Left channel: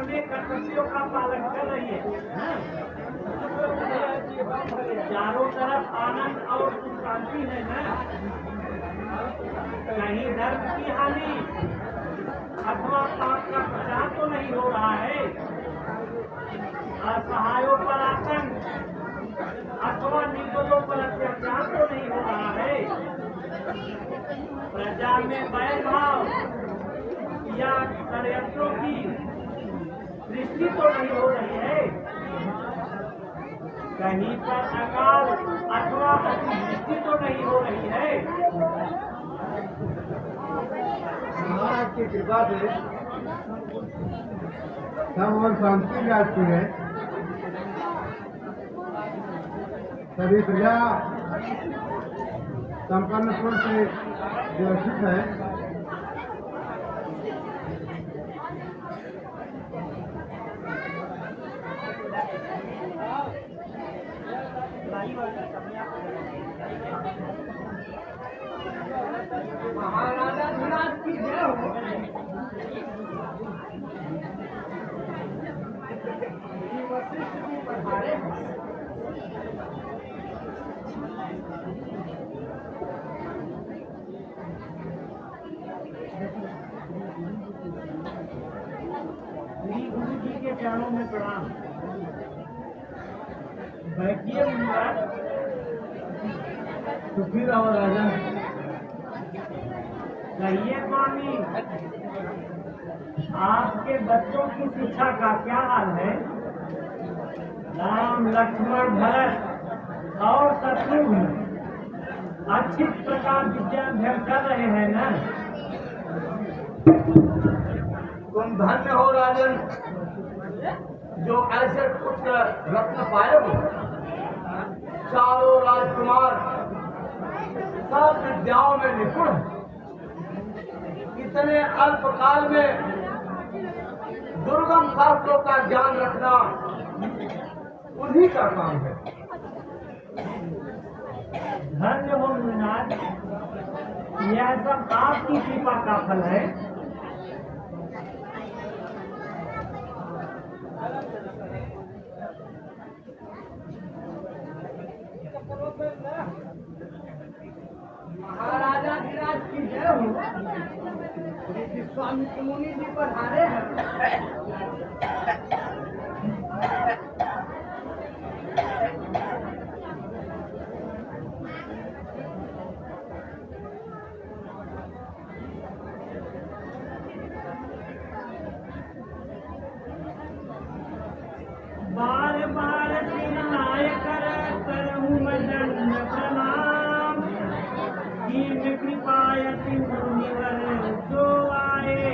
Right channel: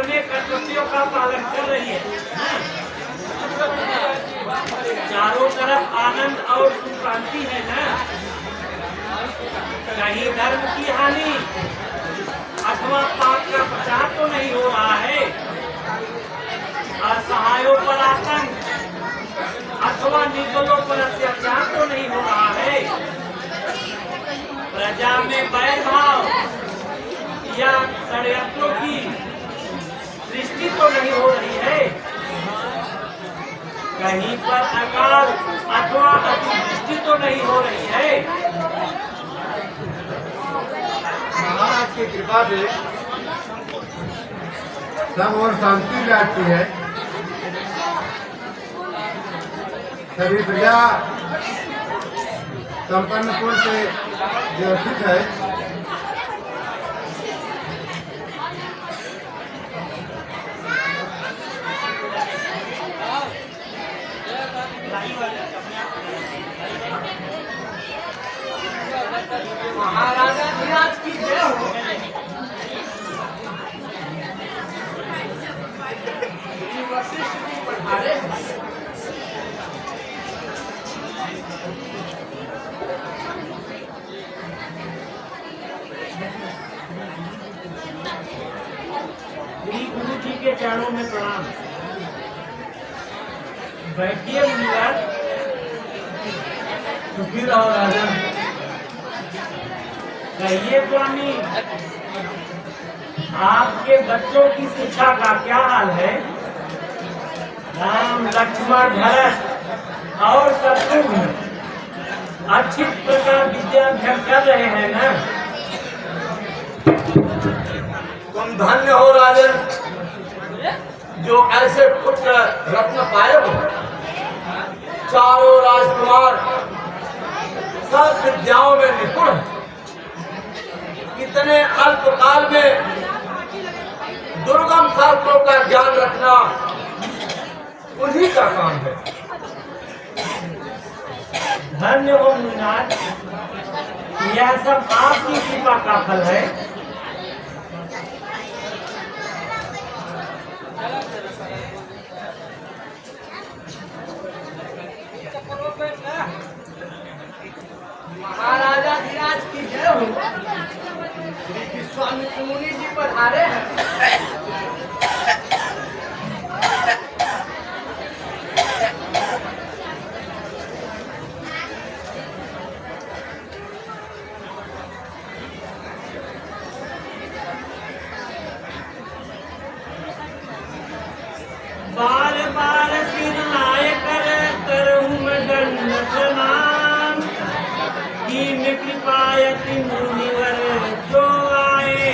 अपने कर्तव्यों का पालन कर रही है। चारों तरफ आनंद और सुख शांति है ना। कहीं धर्म की हानि अथवा पाप का प्रचार तो नहीं हो रहा है। असहायों पर आतंक अथवा निर्बलों पर अत्याचार तो नहीं हो रहा है। प्रजा में बैरभाव या षड्यंत्रों की सृष्टि तो नहीं हो रही है। कहीं पर अकाल अथवा अतिवृष्टि तो नहीं हो रही है। महाराज की कृपा से सब और शांति रहती है। सभी प्रजा संपन्नपुर से व्यवस्थित है। महाराजा धीराज की जय हो। वशिष्ठ जी पधारे हैं। श्री गुरु जी के चरणों में प्रणाम। बैठिए मुनिवर। सुखी रहो राजा। कहिए स्वामी, आपके बच्चों की शिक्षा का क्या हाल है? राम लक्ष्मण भरत और शत्रुघ्न अच्छी प्रकार विद्याभ्यास कर रहे हैं ना? तुम धन्य हो राजन, जो ऐसे पुत्र रत्न पाए हो। चारों राजकुमार सब विद्याओं में निपुण। इतने अल्प काल में दुर्गम शास्त्रों का ज्ञान रखना उन्हीं का काम है। धन्य हो मुनिनाथ, यह सब आपकी कृपा का फल है। महाराजा धीराज की जय हो। श्री विश्वामित्र मुनि जी पधारे हैं। बार बार सिर नाय करहूँ मैं दंड प्रणाम। कीन कृपायति मुनिवर जो आए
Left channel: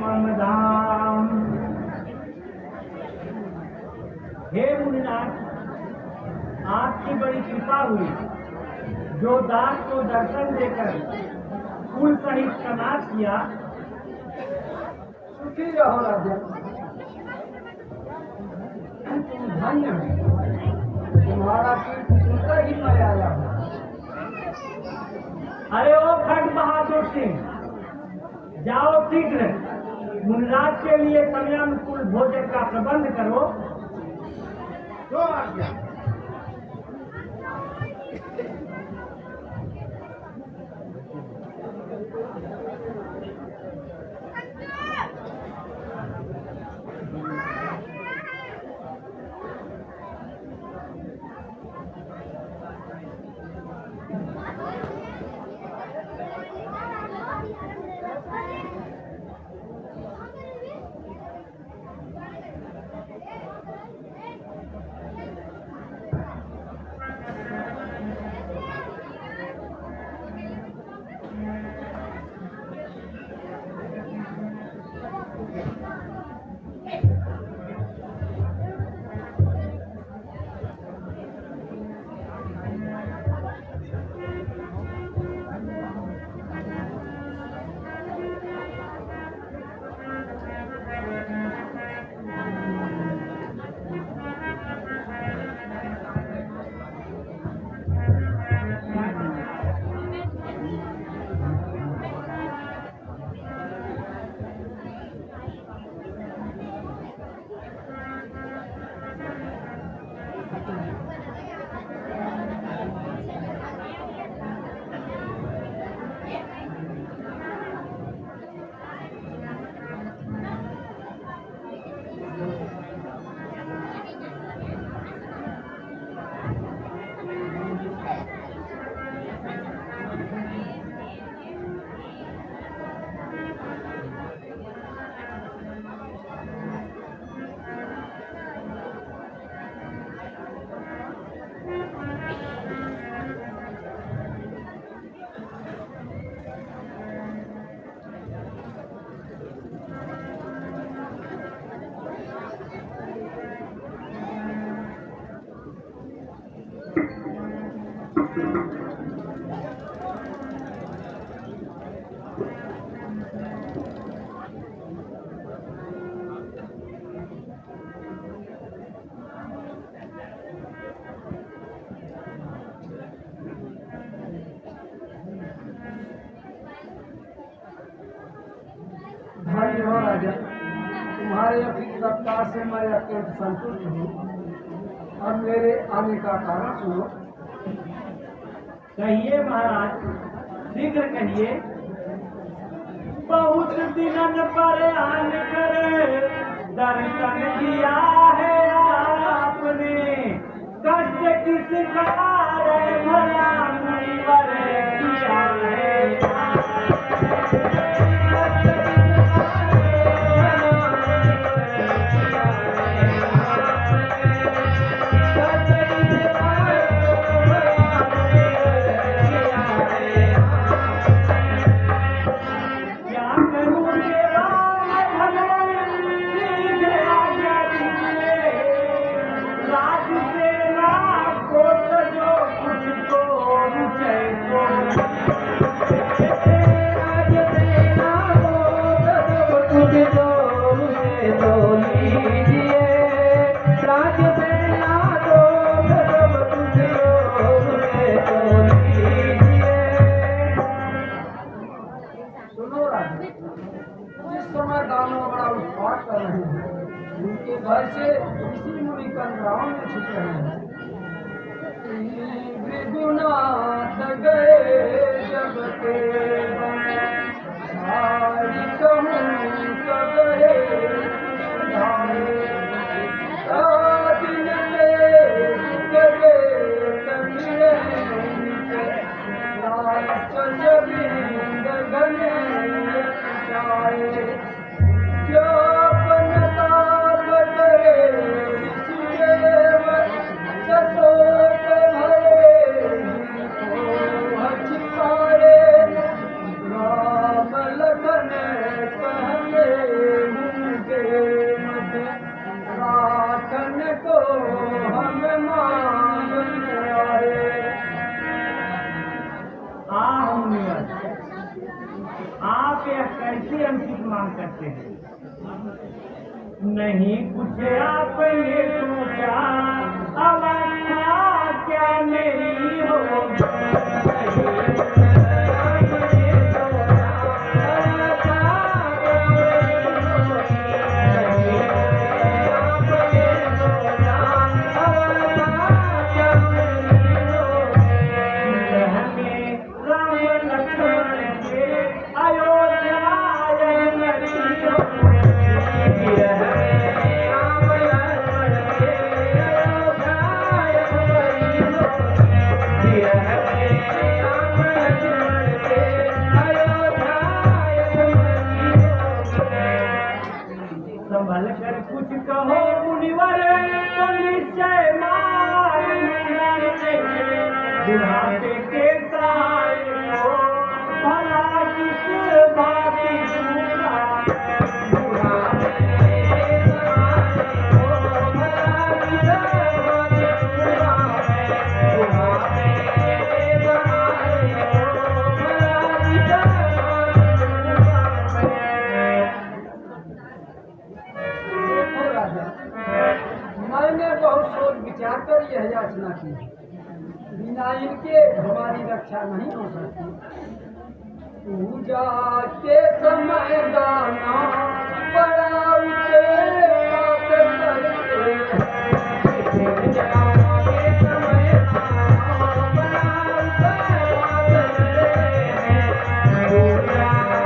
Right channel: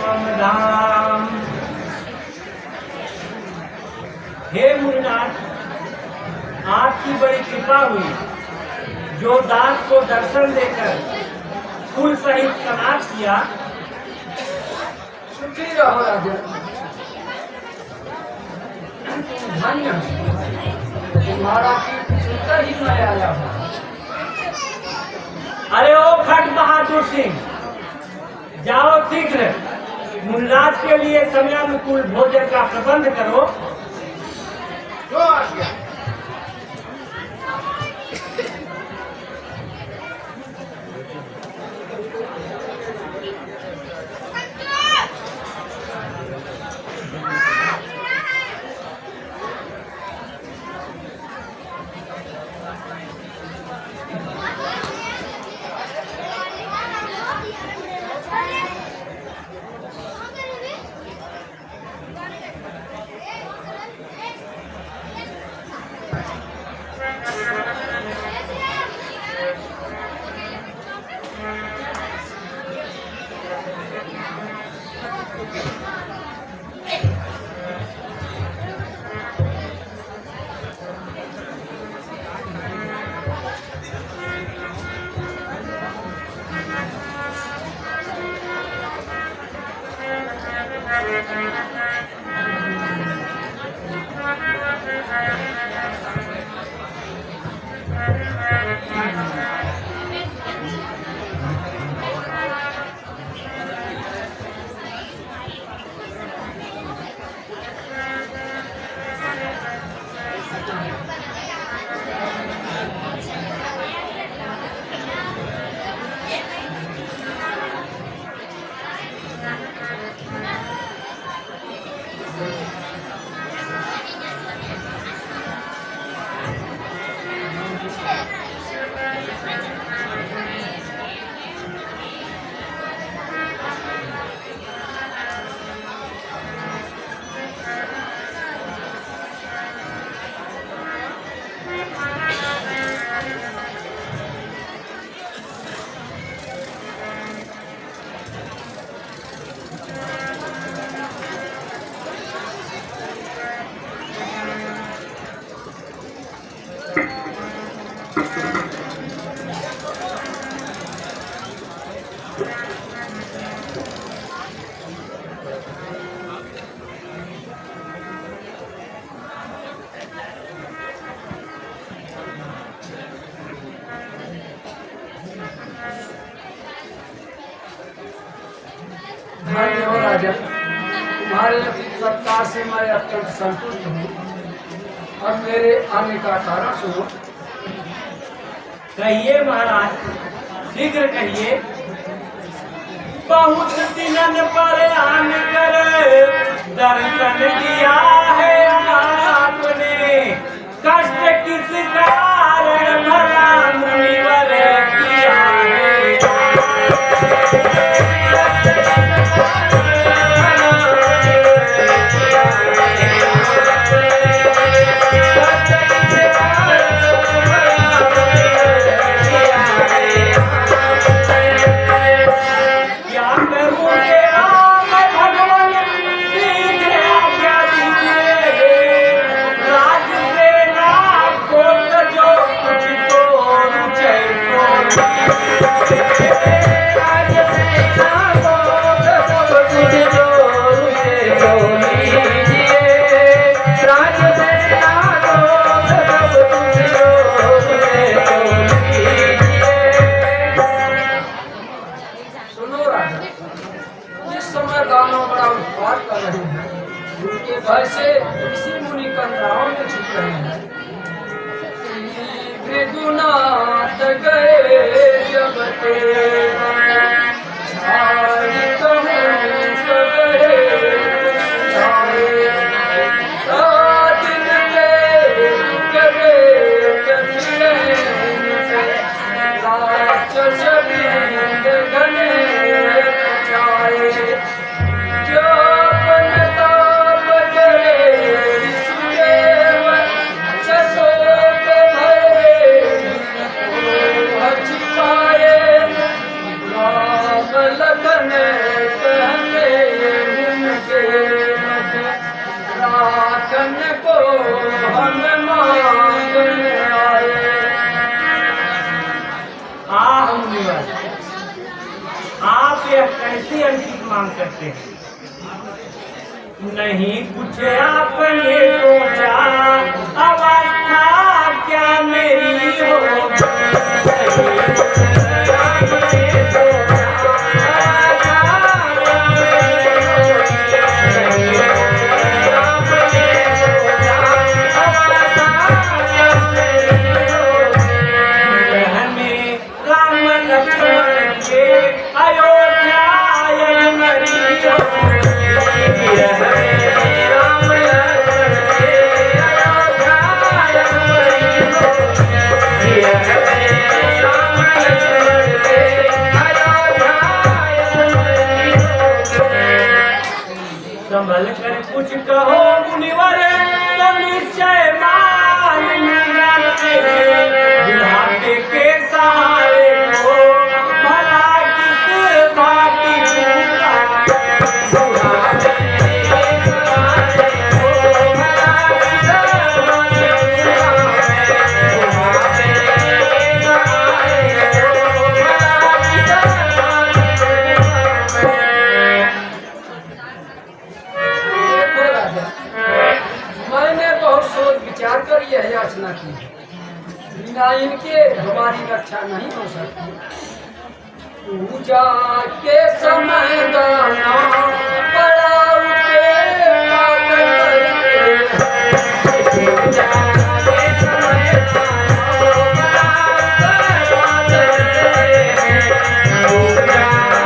मम धाम। हे मुनिनाथ, आपकी बड़ी कृपा हुई, जो दास को दर्शन देकर फूल सहित स्नान किया। सुखी रहो राजा। धन्य तुम्हारा कीर्ति सुनकर ही मैं आया हूँ। अरे ओ खट बहादुर सिंह, जाओ शीघ्र मुनिराज के लिए समयानुकूल भोजन का प्रबंध करो। जो आ गया। राजा, तुम्हारे अतिथि सत्कार से मैं अत्यंत संतुष्ट हूँ। अब मेरे आने का कारण सुनो। कहिए महाराज, शीघ्र कहिए। बहुत दिनन पर आन कर दर्शन दिया है आपने, कष्ट किस कारण भला मुनिवर किया है। क्या करूं ये राम भगवान, शीघ्र आज्ञा दीजिए। राज सेना को सजो कुछ तो रुचै सुनो राजा, जिस समय दानव बड़ा उत्पाद कर रहे हैं, उनके भय से ऋषि मुनि कंदराओं में छुप रहे हैं। मृदुनाथ गए जब ते छाई कहूँ सबरे छाए। दिन ते करे कछले से राक्षस बिंद घने छाए। जो बनता बजरे ऋषिदेव ससोत भये छिपाए। राम लखन कहने उनके मत, राखन को हम मांगने आए। आह मुनिवर, आप यह कैसी अंकित मांग करते हैं? नहीं कुछ आपने सोचा, अवस्था क्या मेरी होगी। में राम लक्ष्मण के अयोध्या यमुनरी संभल कर कुछ कहो मुनिवर, तो निश्चय मान बुढ़ापे के सहारे को भला किस भांति देखो राजा, मैंने बहुत सोच विचार कर यह याचना की है। बिना इनके हमारी रक्षा नहीं हो सकती। पूजा के समय दाना बड़ा उठे पाप करके। पूजा के समय दाना बड़ा उठे पाप करके। पूजा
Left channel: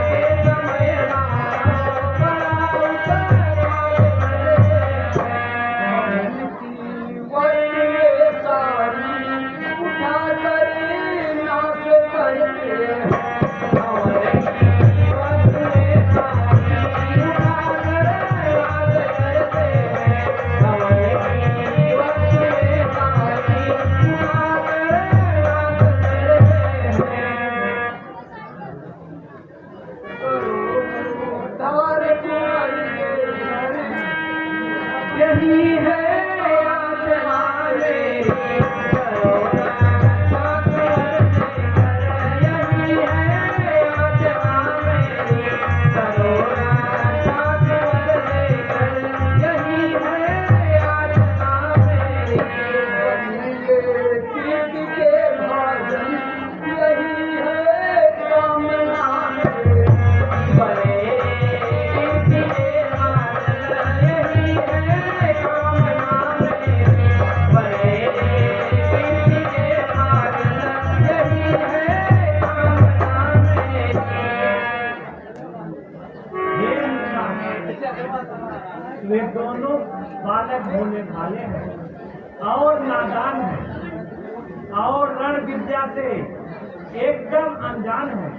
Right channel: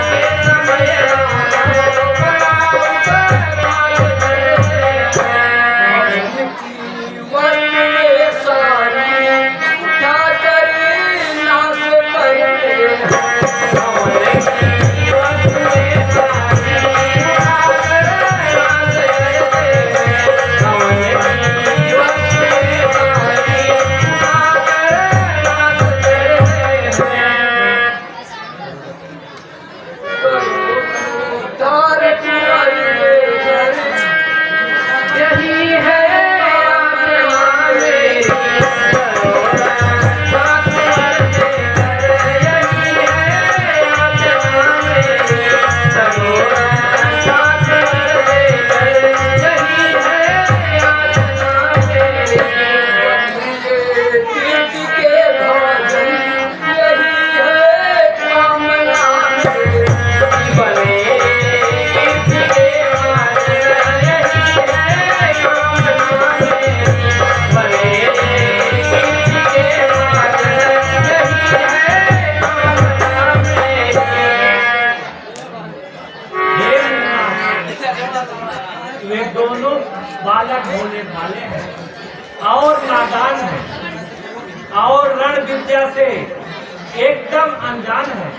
के समय दाना बड़ा उठे पाप करके। जीवन में सारी उठा कर नाश करके। वे दोनों बालक भोले भाले हैं और नादान हैं और रण विद्या से एकदम अनजान है।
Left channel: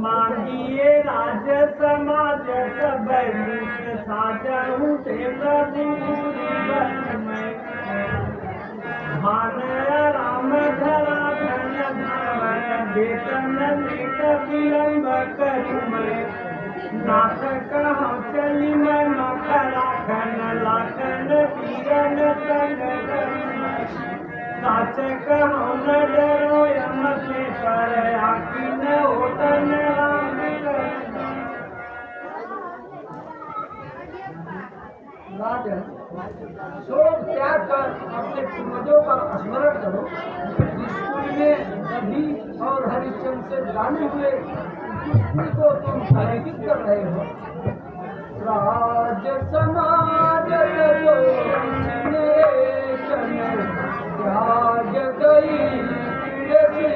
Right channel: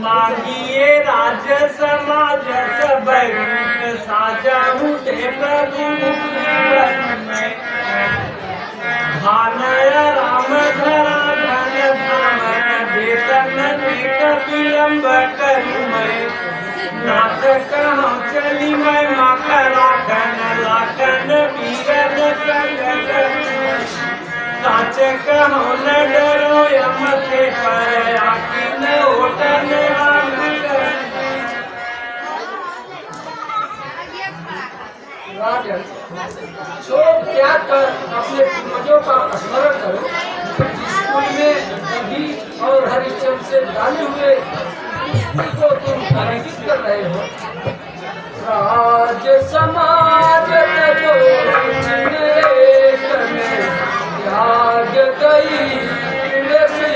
मांगिए राज समाज सब रूप साजा उठे प्रभु में भानय राम धरा धन धाम वेतन नेक विलंब करू मैं नाथ कहाँ चली मैं माखरा खन लाखन पीरन संग साच कहाँ न डरो यम से पर आखी न ओटन राम राजन, शोक त्याग कर अपने पूर्वजों का स्मरण करो। जिस कुल में रवि और हरिश्चंद्र से डाले हुए कुल को तुम पराजित कर रहे हो। राज समाज जो चिन्ह में त्याग गई तुलसी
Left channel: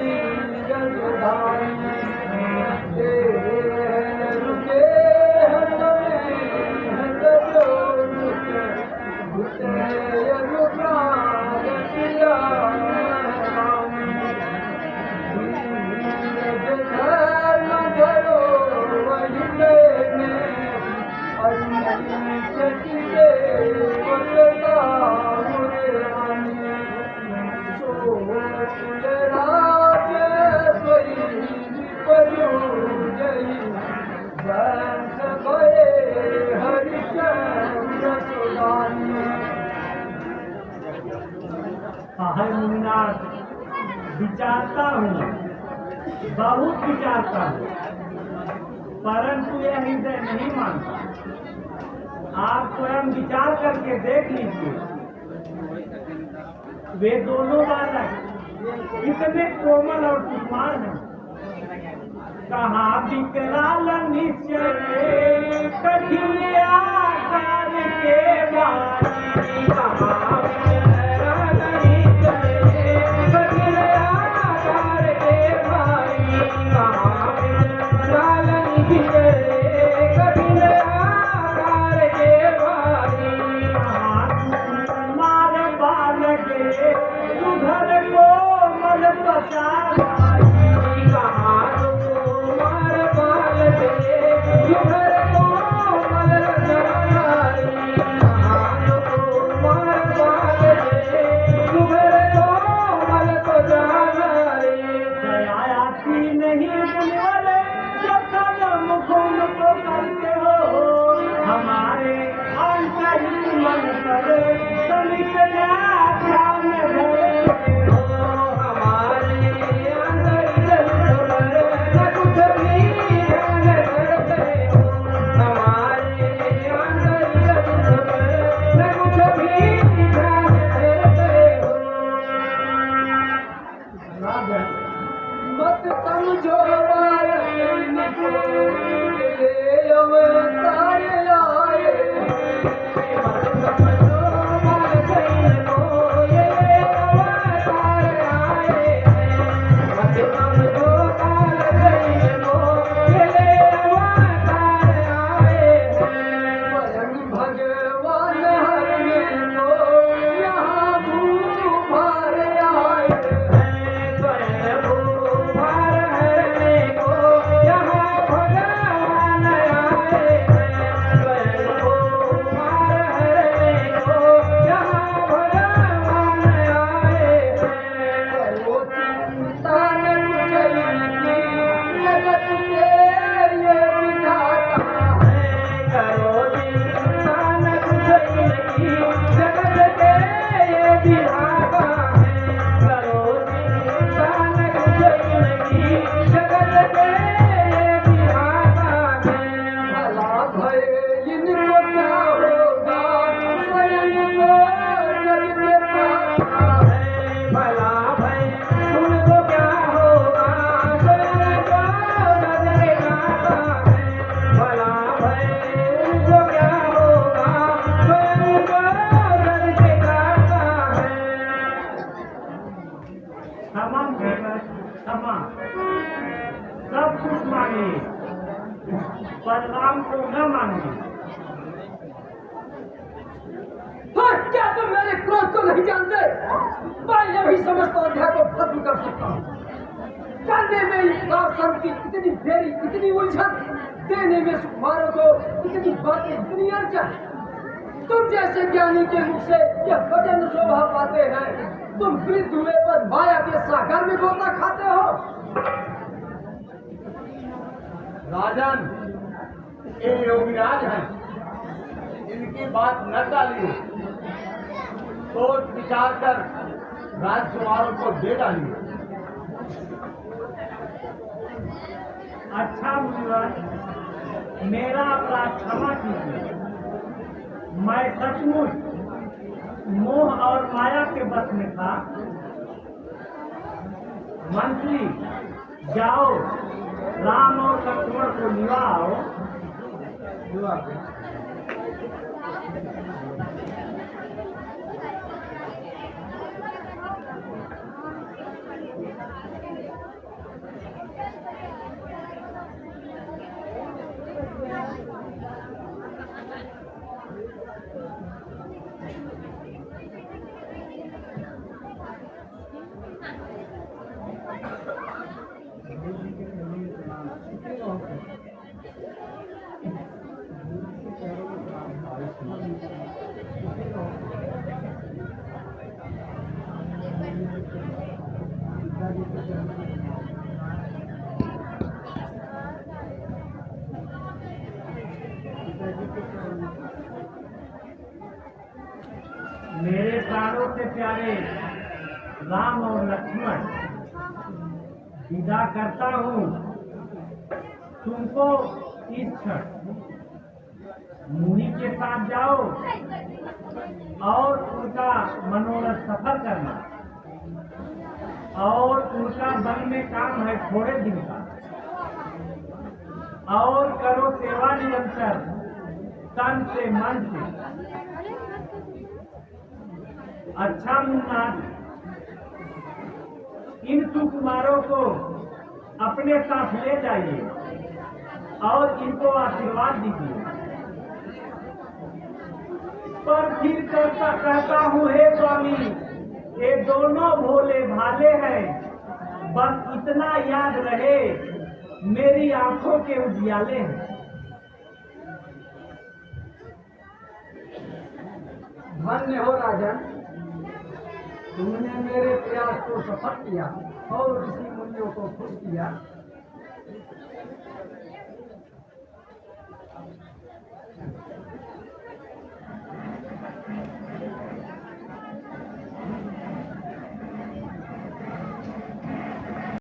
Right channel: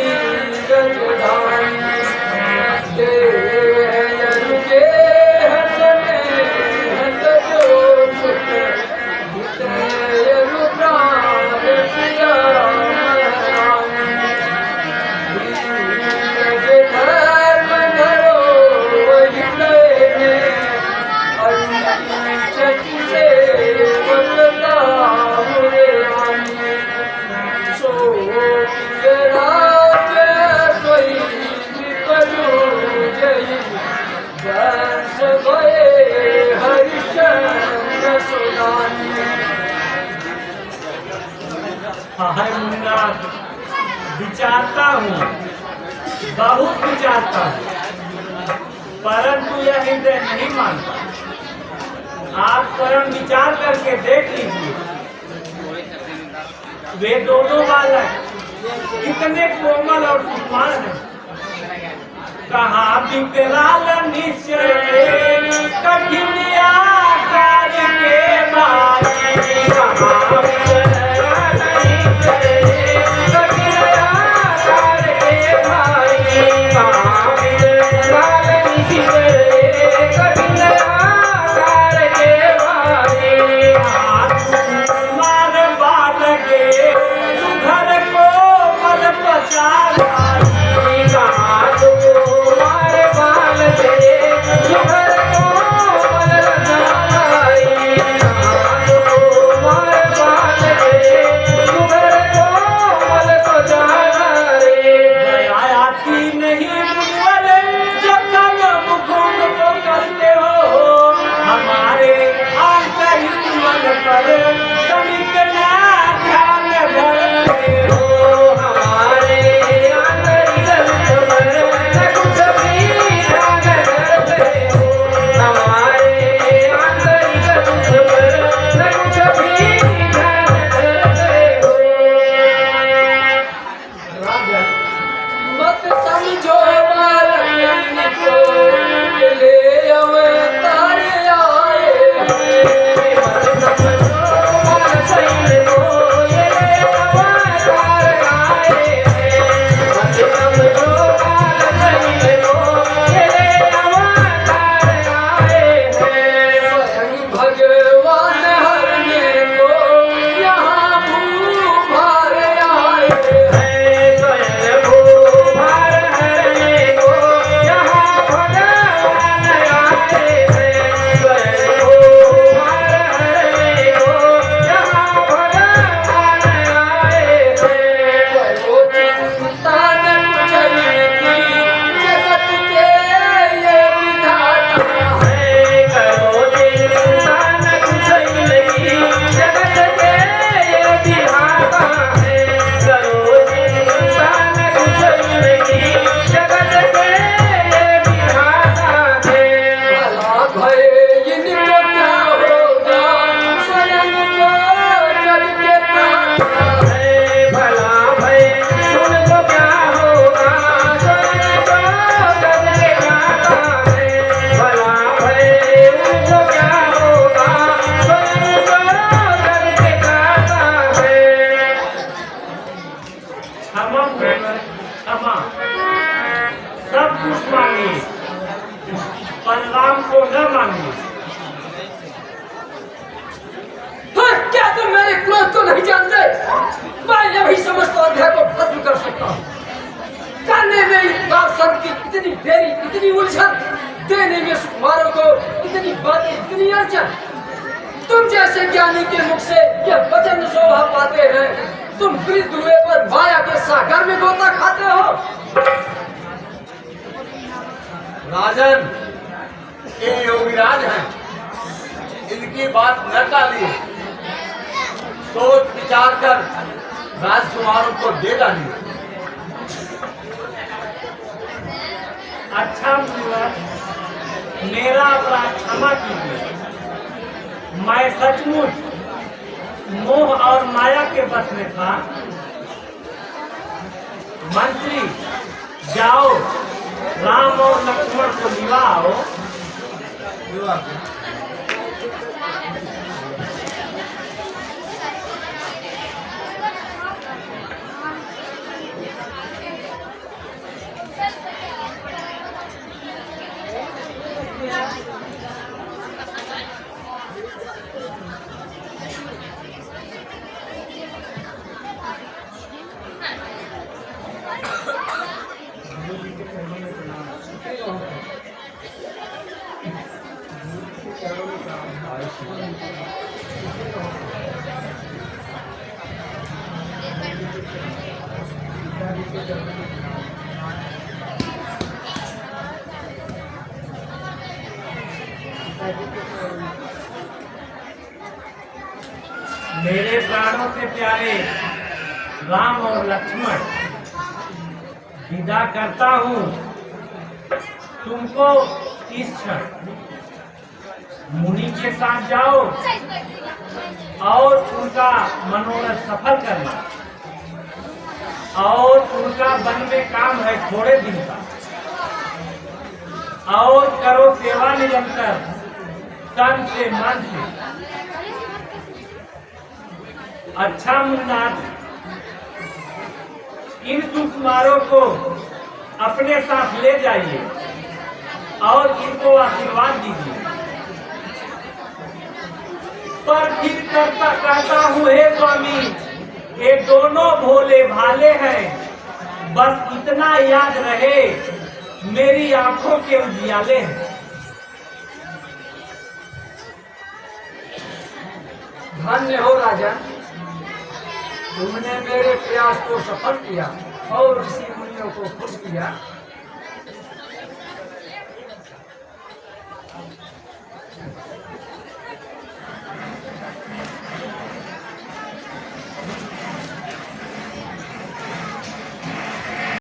रजधानी हर मुन्ना विचारता हूँ, बहुत विचारता हूँ, परंतु यह हृदय नहीं मानता। आप स्वयं विचार करके देख लीजिए, वे दोनों बालक कितने कोमल और सुकुमार हैं। कहाँ विकराल निश्चय कठिन आकार के बारे कहाँ परिणाम को न माने चाहिए। हाँ, क्या तुम मेरे क्रोध को नहीं जानते? मैं भी समस्त अध्याय को भस्म कर सकता हूँ। जानने में इस संत की इतनी देरी, इतनी उलझन, देने में सुकुमारों को इतनी बातें, इतनी अड़चन। तुम जैसे ज्ञानी के मुख से यह वचन शोभा पाते हैं, तुम वृद्ध हुए पर माया के सागर में गोता खाते हो। राजन, ये योगीराज हैं, इनकी बात न टालिए, सोच विचार कर राजकुमारों को दे डालिए। अच्छा मुनिवर, मेरा अपराध क्षमा कीजिए। मैं सचमुच मोह और माया के बस में था। मंत्री, जाओ राम और लक्ष्मण को लिवा आओ। मेरे प्राणों से प्यारे राम और लक्ष्मण, विदा करता हूँ तुमको इस क्षण। मुनि के साथ जाओ और उनका मनोरथ सफल करना, और उनका वन में काम है थोड़े दिन का, और करो सेवा निरंतर तन से मन से। अच्छा मुन्नाथ, इन सुकुमारों को अपने साथ ले जाइए और इनको आशीर्वाद दीजिए। पर फिर कहता हूँ, हे स्वामी, ये दोनों भोले भाले हैं, बस इतना याद रहे मेरी आंखों के उजियाले हैं। धन्य हो राजन, तुमने मेरे प्रयास को सफल किया और ऋषि मुनियों को खुश किया।